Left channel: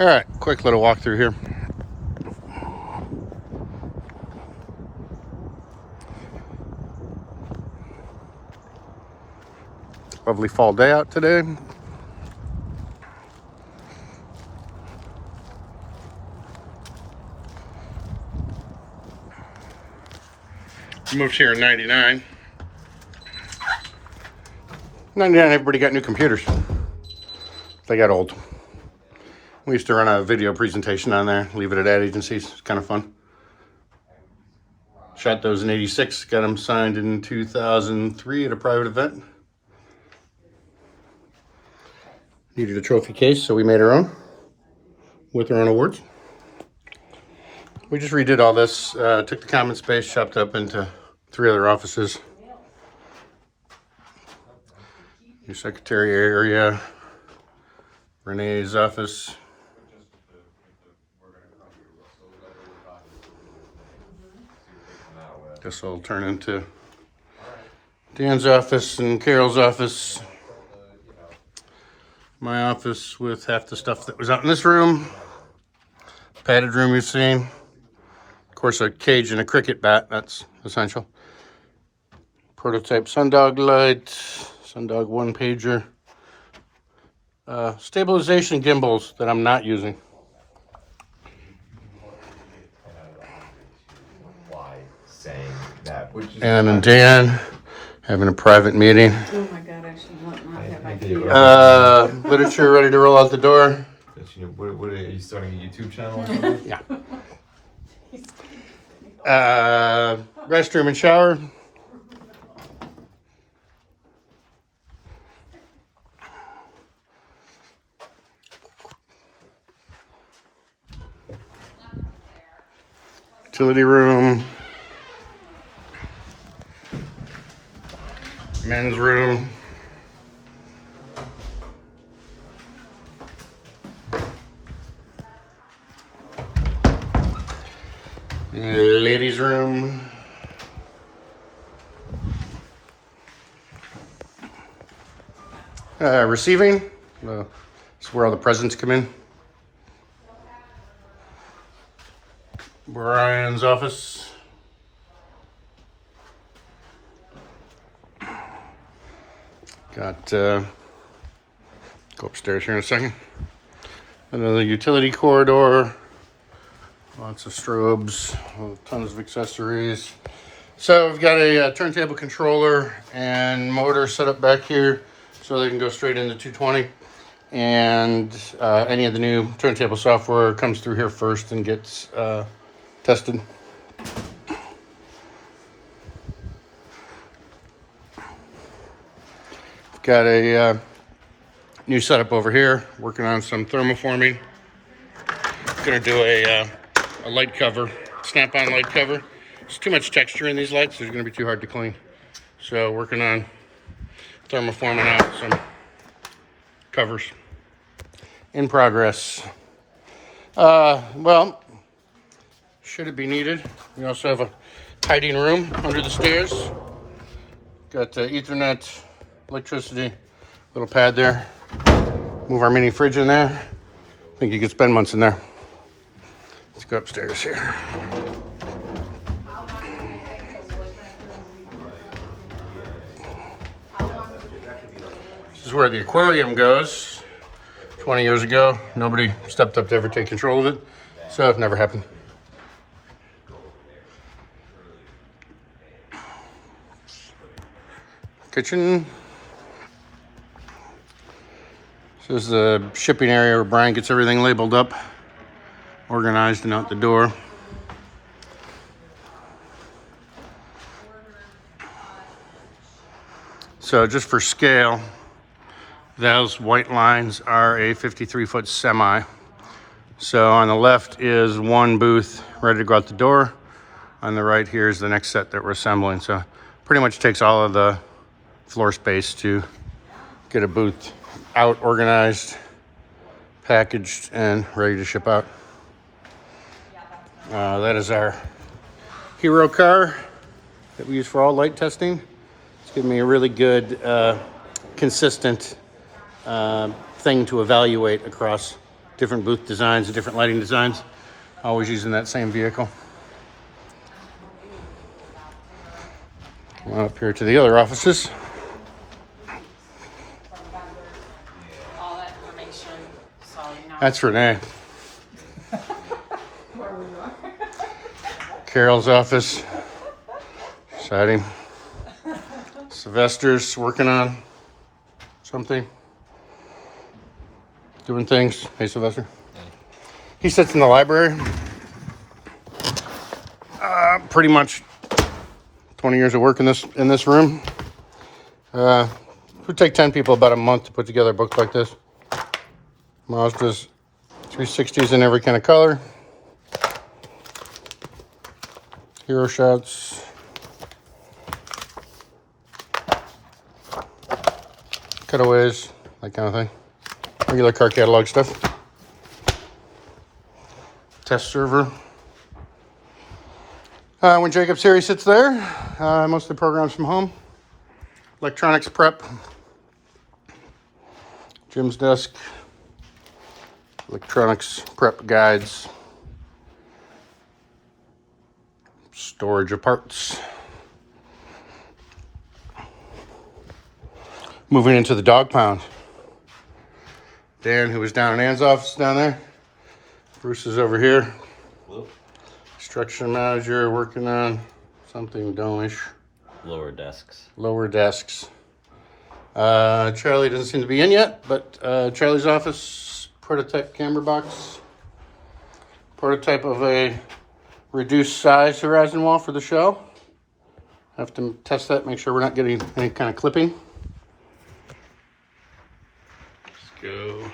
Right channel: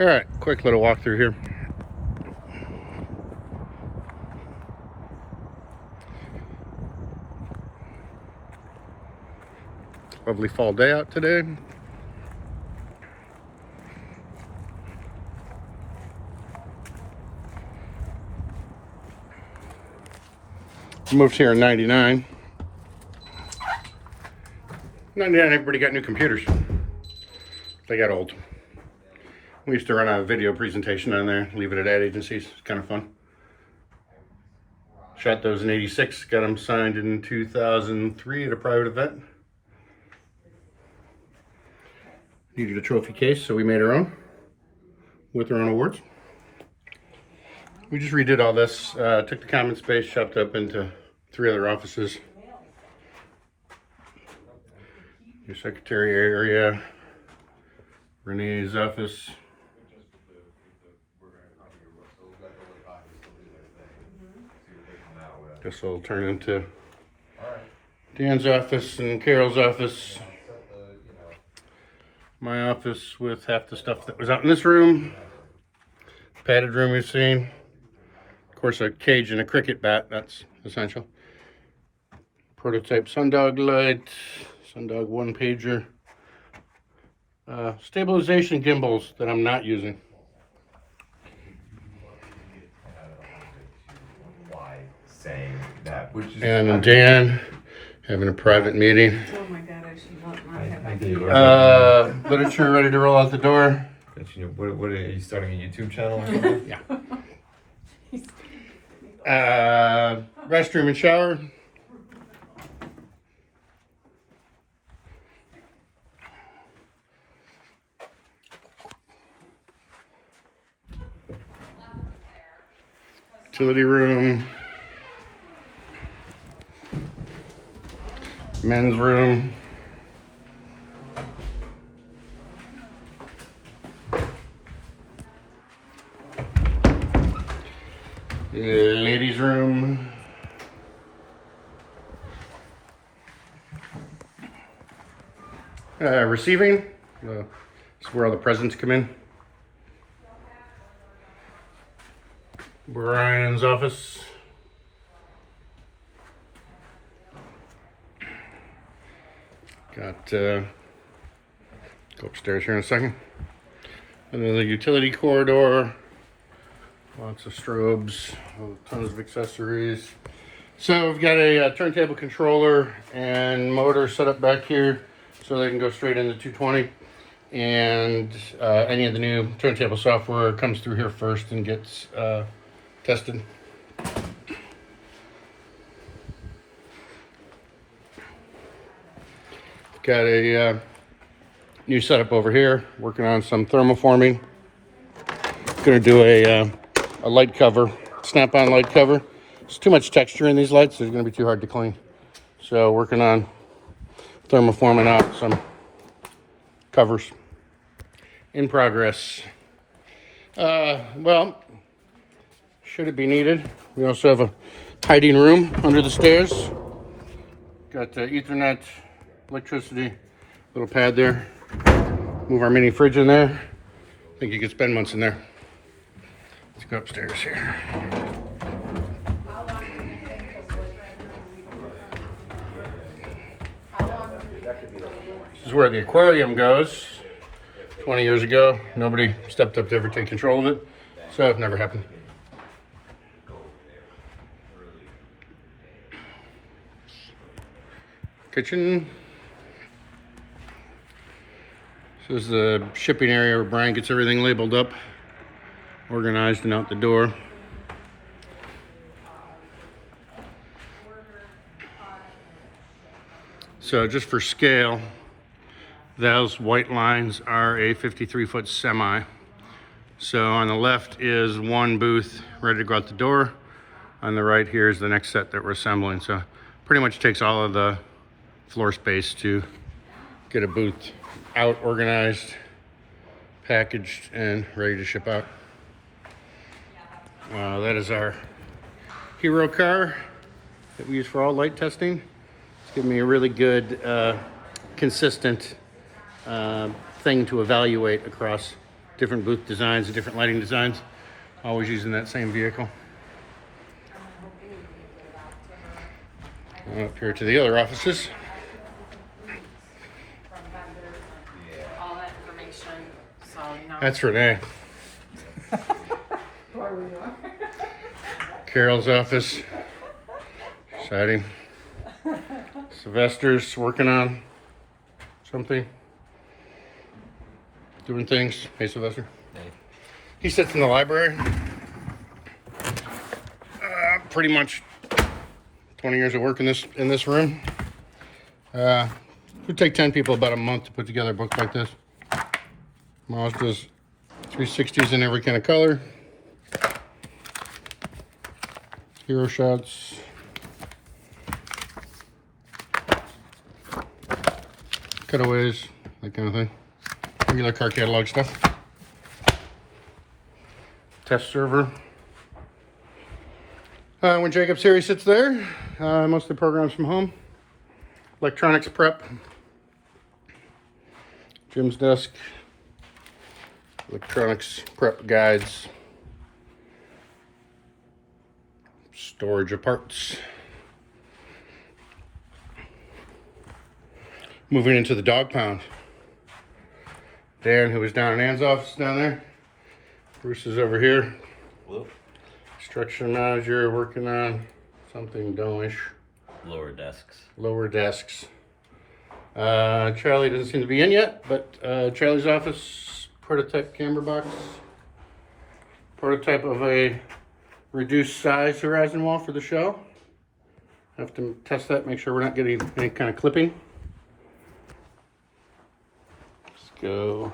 All right, quick little walkthrough here. Lovely fall day out today. Moved here in 99. 99, everybody got new computers. They got old. We used to run a video presentation on there, leave it at ad agencies. It's kind of fun. Shot those in 86, got them signed in 2003 at a private event. Needed a trophy case, so we made our own with our own awards. We just redid all this, took the common space, chopped up into 3 other offices. Your secretary area, Renee's office. This will turn into Dan's office and Carol's office. My office with half the stuff that was out in this room. Padded room you've seen. Of course, a cage and a cricket bat, that's essential. Prototype Sundog light, Sundog 1-pager. Stabilization gimbals that I'm not using. And then Dan having a private meeting. Oh my God, I should not. Literature ready to roll out the door. What are you starting a YouTube channel or something? Yeah. Restroom and shower. Utility room. Men's room. Ladies' room. Receiving. It's where all the presents come in. Brian's office. Got, go upstairs here in a second. Another utility corridor. Lots of strobes, tons of accessories. So we've got a turntable controller and motor set up back here so they can go straight into 220. And any of the new turntable software comes through here first and gets tested. Got a new setup over here, working on some thermoforming. Gonna do a light cover, snap-on light cover. There's too much texture in these lights, they're gonna be too hard to clean. So working on thermoforming out some covers. In progress. Well, should it be needed, we also have a hiding room under the stairs. Got Ethernet, electricity, little pad there. Move our mini fridge in there. I think you could spend months in there. Let's go upstairs here. This is where the aquarium goes. 20 years ago, nobody stepped up to ever take control of it, so it never happened. Kitchen. This is the shipping area where Brian gets everything labeled up, organized and out the door. So just for scale, those white lines are a 53-foot semi. So on the left is one booth ready to go out the door. On the right here is the next set that we're assembling. So pretty much takes all of the floor space to get a booth out, organized, packaged, and ready to ship out. That is our Hero car that we use for all light testing. It's giving me a really good, consistent thing to evaluate across different booth designs and different lighting designs. Always using that same vehicle. Up here to the other offices. All that information, so now. That's Renee. Carol's office. Exciting. Sylvester's working on something. Doing things. Hey, Sylvester. Hey. He sits in the library. Pretty much 20 years of work in this room. It would take 10 people about a month to put together a book like this. Mazda's 360s in every kind of color. Hero shots. Cutaways, that kind of thing. Regular car catalog stuff. Test server. When Jacob's here, he sits there. Mostly programs from home. Electronics prep. Jim's desk. Electronics prep guides. Storage of parts. Moving into the dog pound. Dan, who was down in Ann's office down there. Bruce is over here. Hello. Construction manager working on something domish. Lower desks. Lower desks. Charlie doesn't seem to be in yet, but Charlie's office, prototype camera box. Prototype of a reduced size horizon wall for the show. Have to test that, make sure we're not getting any kind of clipping. Let's go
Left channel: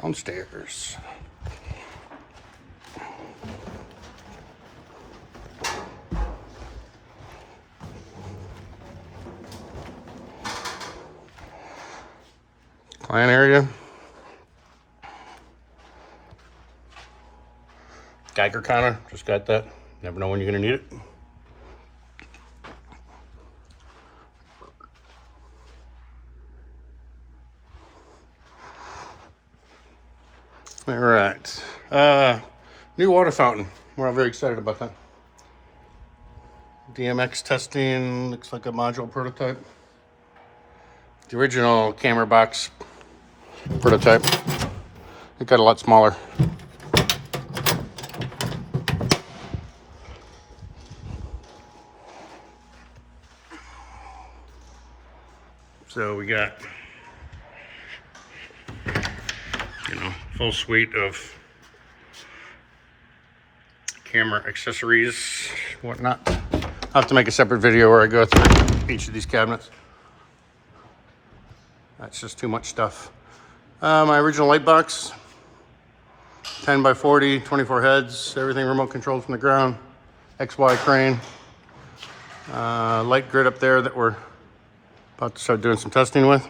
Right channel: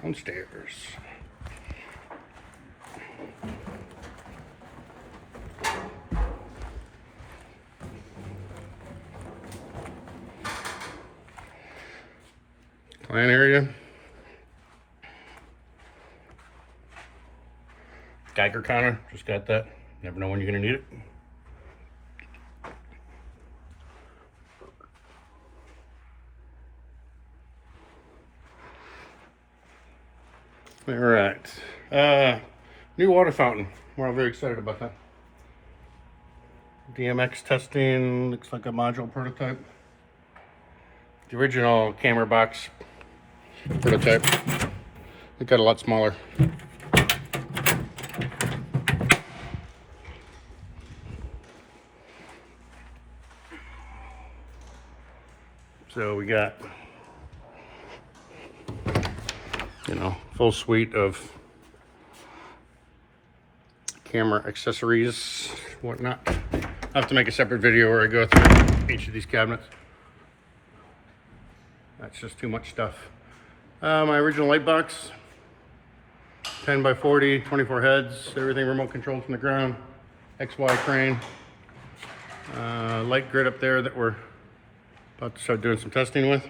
downstairs. Client area. Geiger counter, just got that. Never know when you're gonna need it. All right, new water fountain. We're all very excited about that. DMX testing, looks like a module prototype. The original camera box prototype, it got a lot smaller. So we got, full suite of camera accessories, whatnot. I'll have to make a separate video where I go through each of these cabinets. That's just too much stuff. My original light box, 10 by 40, 24 heads, everything remote controlled from the ground, XY crane, light grid up there that we're about to start doing some testing with.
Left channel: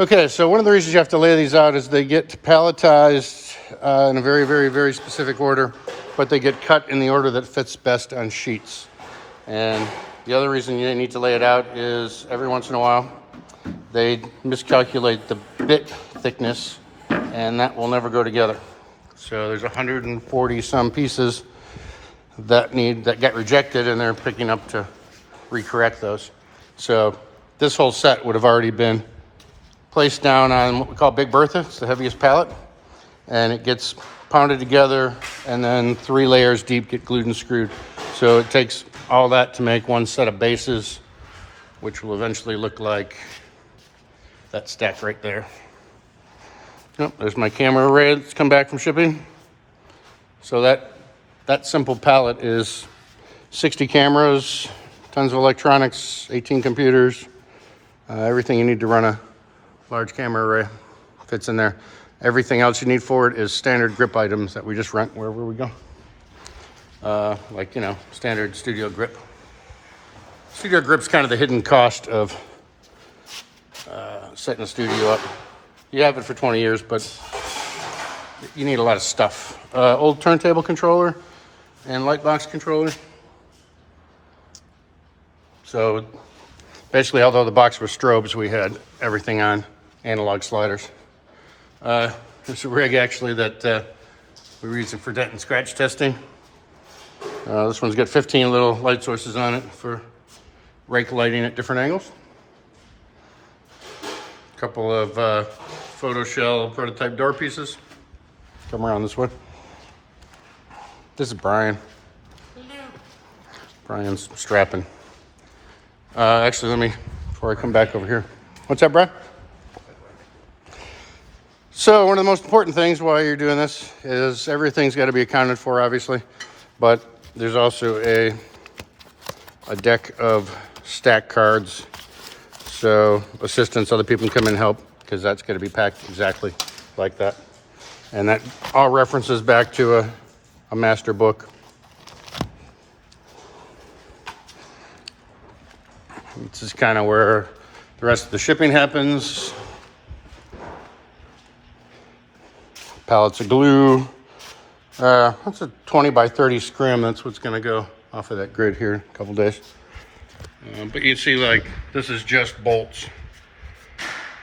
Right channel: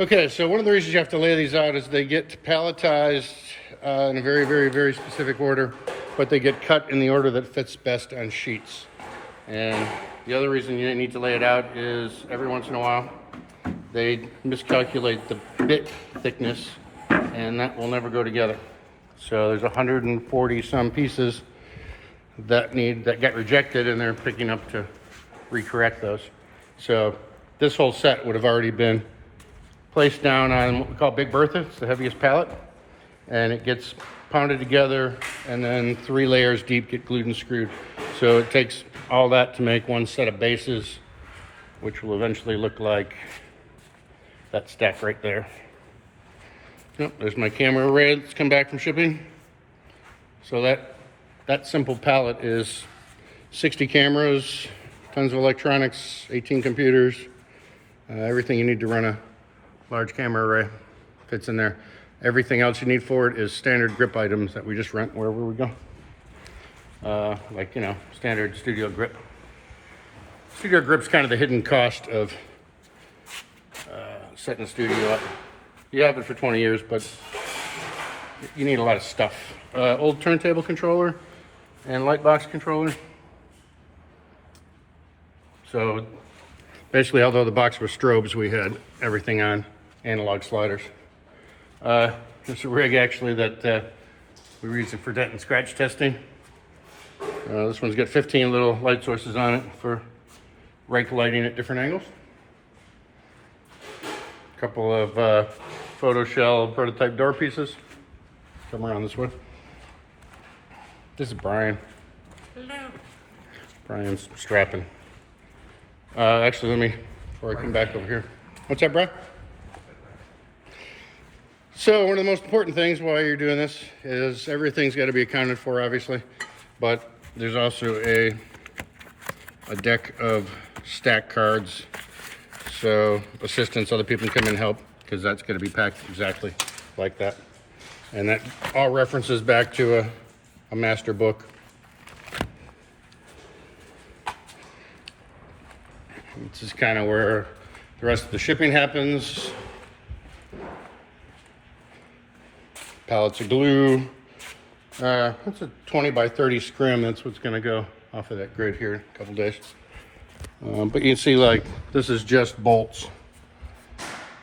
Okay, so one of the reasons you have to lay these out is they get palletized in a very, very, very specific order, but they get cut in the order that fits best on sheets. And the other reason you need to lay it out is every once in a while, they miscalculate the bit thickness, and that will never go together. So there's 140 some pieces that get rejected, and they're picking up to recorrect those. So this whole set would have already been placed down on what we call Big Bertha. It's the heaviest pallet, and it gets pounded together, and then 3 layers deep get glued and screwed. So it takes all that to make one set of bases, which will eventually look like that stack right there. Yep, there's my camera array that's come back from shipping. So that simple pallet is 60 cameras, tons of electronics, 18 computers, everything you need to run a large camera array fits in there. Everything else you need for it is standard grip items that we just rent wherever we go. Like, standard studio grip. Studio grip's kind of the hidden cost of setting a studio up. You have it for 20 years, but you need a lot of stuff. Old turntable controller and light box controller. So basically, although the box was strobes, we had everything on analog sliders. It's a rig actually that we were using for dent and scratch testing. This one's got 15 little light sources on it for rake lighting at different angles. A couple of photo shell prototype door pieces. Come around this way. This is Brian. Brian's strapping. Actually, before I come back over here. What's up, Brian? So one of the most important things while you're doing this is everything's got to be accounted for, obviously, but there's also a deck of stack cards, so assistants, other people can come in and help, because that's going to be packed exactly like that. And that all references back to a master book. This is kind of where the rest of the shipping happens. Pallets of glue. That's a 20 by 30 scrim. That's what's going to go off of that grid here in a couple days. But you can see, like, this is just bolts.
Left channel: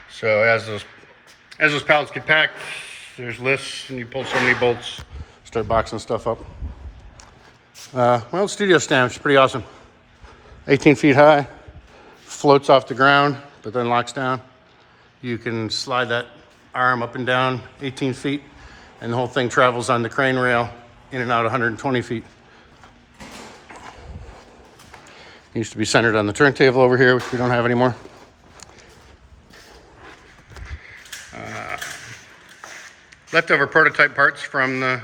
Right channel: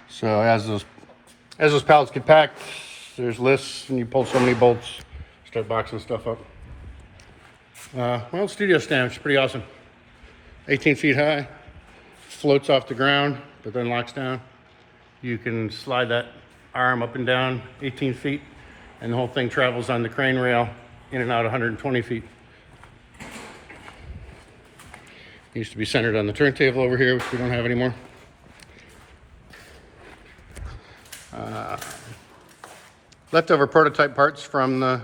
So as those pallets get packed, there's lists, and you pull so many bolts, start boxing stuff up. Well, studio stand is pretty awesome. 18 feet high, floats off the ground, but then locks down. You can slide that arm up and down 18 feet, and the whole thing travels on the crane rail in and out 120 feet. Used to be centered on the turntable over here, which we don't have anymore. Leftover prototype parts from the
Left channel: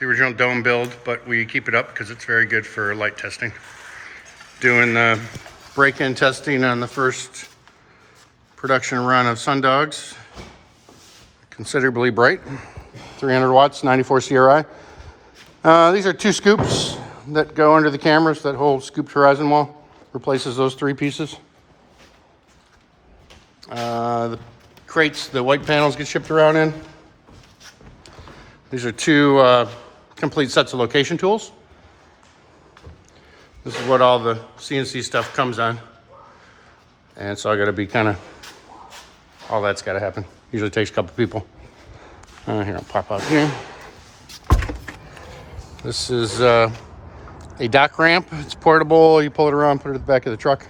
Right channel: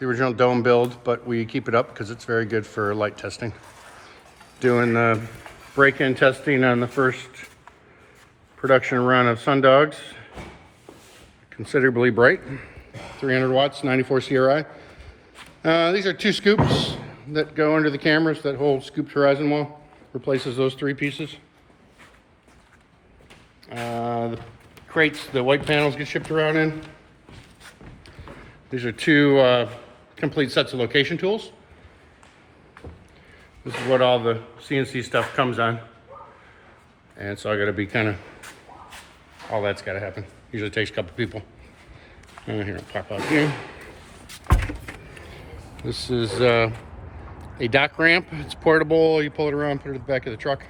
original dome build, but we keep it up because it's very good for light testing. Doing the break-in testing on the first production run of Sundogs. Considerably bright, 300 watts, 94 CRI. These are 2 scoops that go under the cameras. That whole scooped horizon wall replaces those 3 pieces. The crates, the white panels get shipped around in. These are 2 complete sets of location tools. This is what all the CNC stuff comes on. And so I gotta be all that's gotta happen. Usually takes a couple people. Here, I'll pop out here. This is a dock ramp. It's portable. You pull it around, put it at the back of the truck.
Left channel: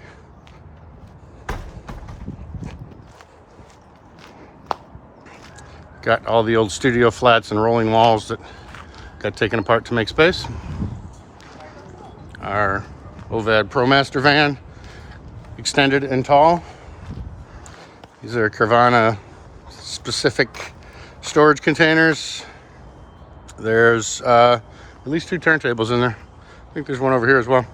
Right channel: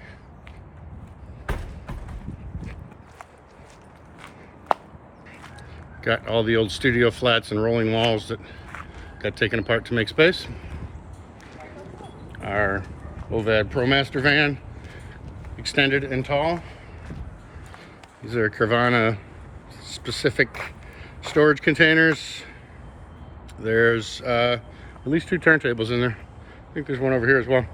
Got all the old studio flats and rolling walls that got taken apart to make space. Our OVAD ProMaster van, extended and tall. These are Carvana specific storage containers. There's at least 2 turntables in there. I think there's one over here as well.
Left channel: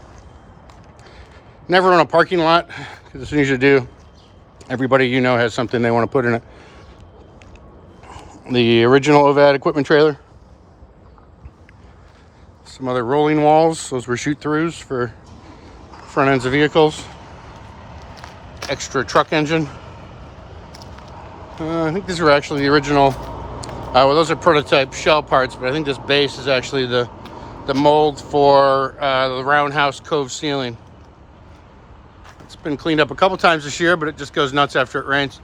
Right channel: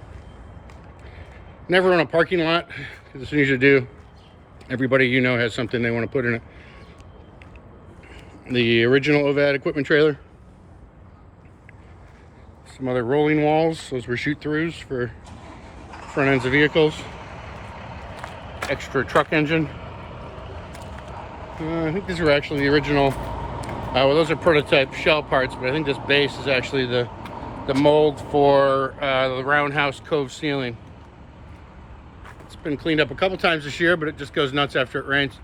Never on a parking lot, because as soon as you do, everybody you know has something they want to put in it. The original OVAD equipment trailer. Some other rolling walls. Those were shoot-throughs for front ends of vehicles. Extra truck engine. I think these were actually the original. Well, those are prototype shell parts, but I think this base is actually the mold for the roundhouse cove ceiling. It's been cleaned up a couple times this year, but it just goes nuts after it rains.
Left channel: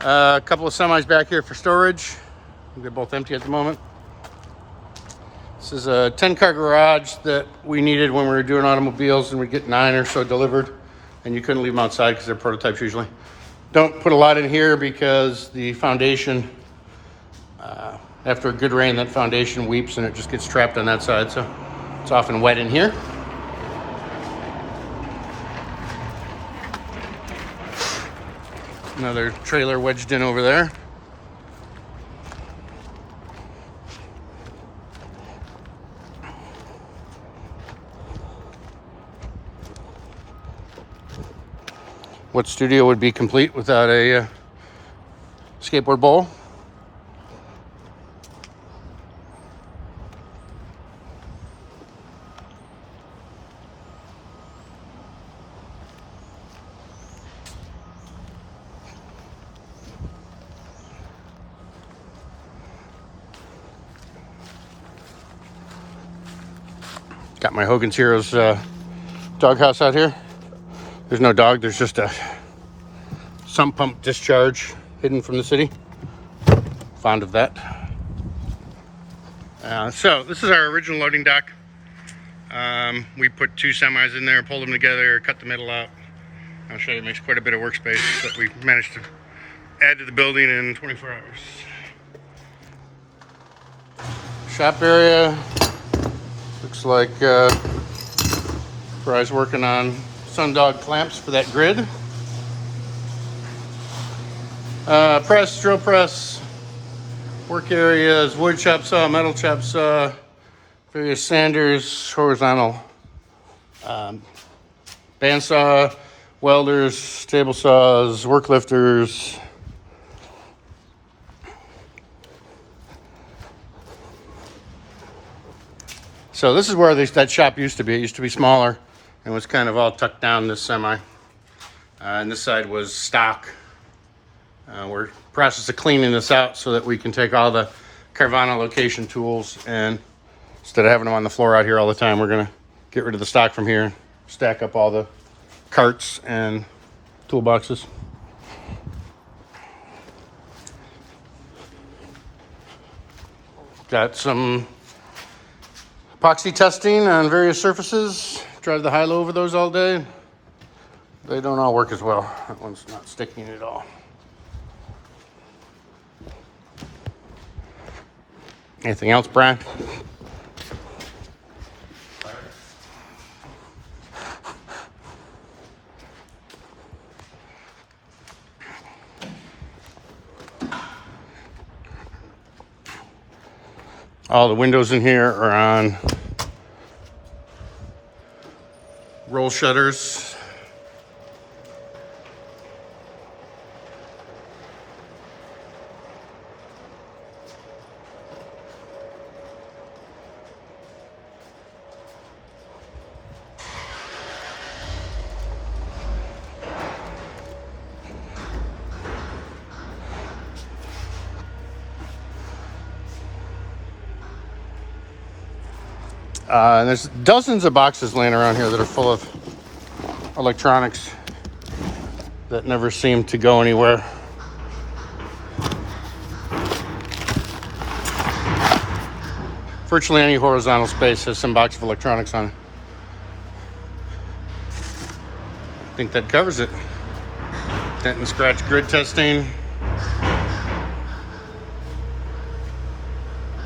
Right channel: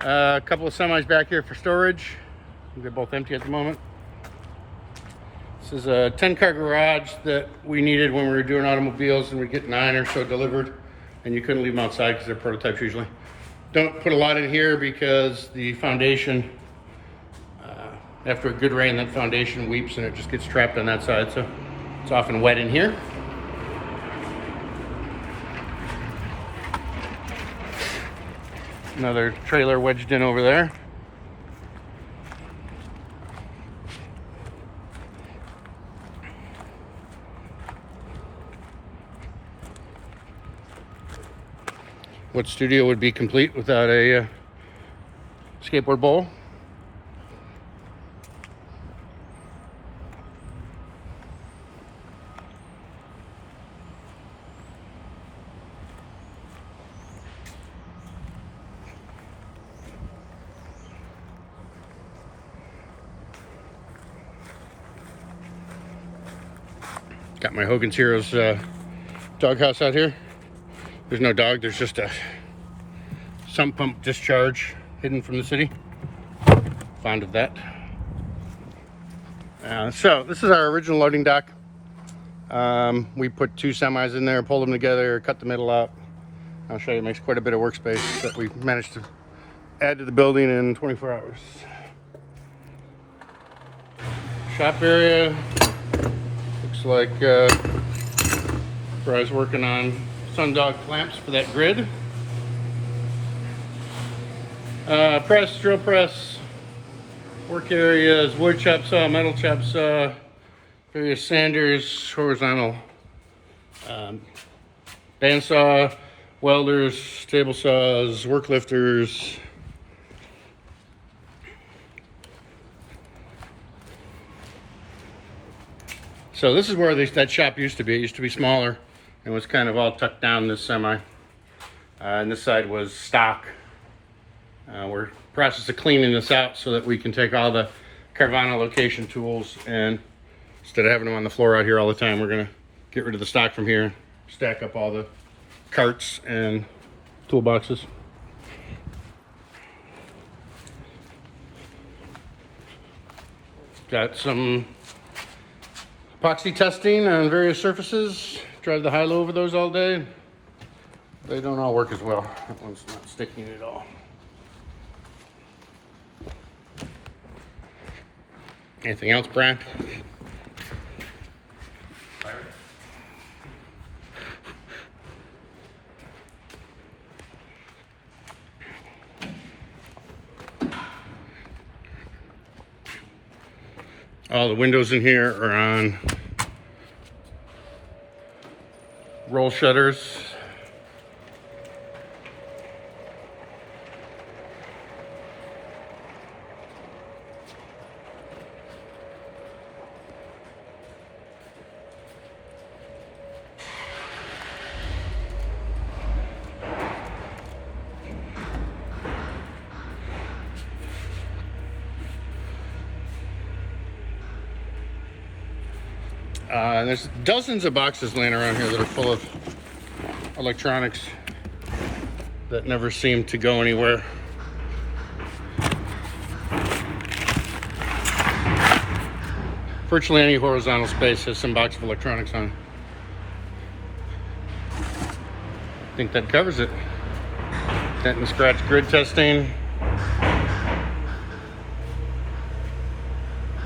A couple of semis back here for storage. They're both empty at the moment. This is a 10-car garage that we needed when we were doing automobiles, and we'd get 9 or so delivered, and you couldn't leave them outside because they're prototypes usually. Don't put a lot in here because the foundation, after a good rain, that foundation weeps and it just gets trapped on that side, so it's often wet in here. Another trailer wedged in over there. What studio would be complete without a skateboard bowl? Got my Hogan's Heroes doghouse out here. There's no dog, there's just a sump pump discharge hidden from the city. Fond of that. So this is our original loading dock. We put 2 semis in there, pulled them together, cut the middle out. I'll show you, it makes quite a bit of workspace that we managed to add to the building in 24 hours. Shop area. Looks like Bry's working on Sundog clamps for that grid. Press, drill press, work areas, wood chop saw, metal chop saw, various sanders, horizontal bandsaw, welders, table saws, work lifters. So this is where that shop used to be. It used to be smaller and was kind of all tucked down this semi. And this side was stock. We're in the process of cleaning this out so that we can take all the Carvana location tools, and instead of having them on the floor out here all the time, we're gonna get rid of the stock from here and stack up all the carts and toolboxes. Got some epoxy testing on various surfaces. Drive the high-low over those all day. They don't all work as well. That one's not sticking at all. Anything else, Brian? All the windows in here are on roll shutters. And there's dozens of boxes laying around here that are full of electronics that never seem to go anywhere. Virtually any horizontal space has some box of electronics on it. I think that covers it. Dent and scratch grid testing.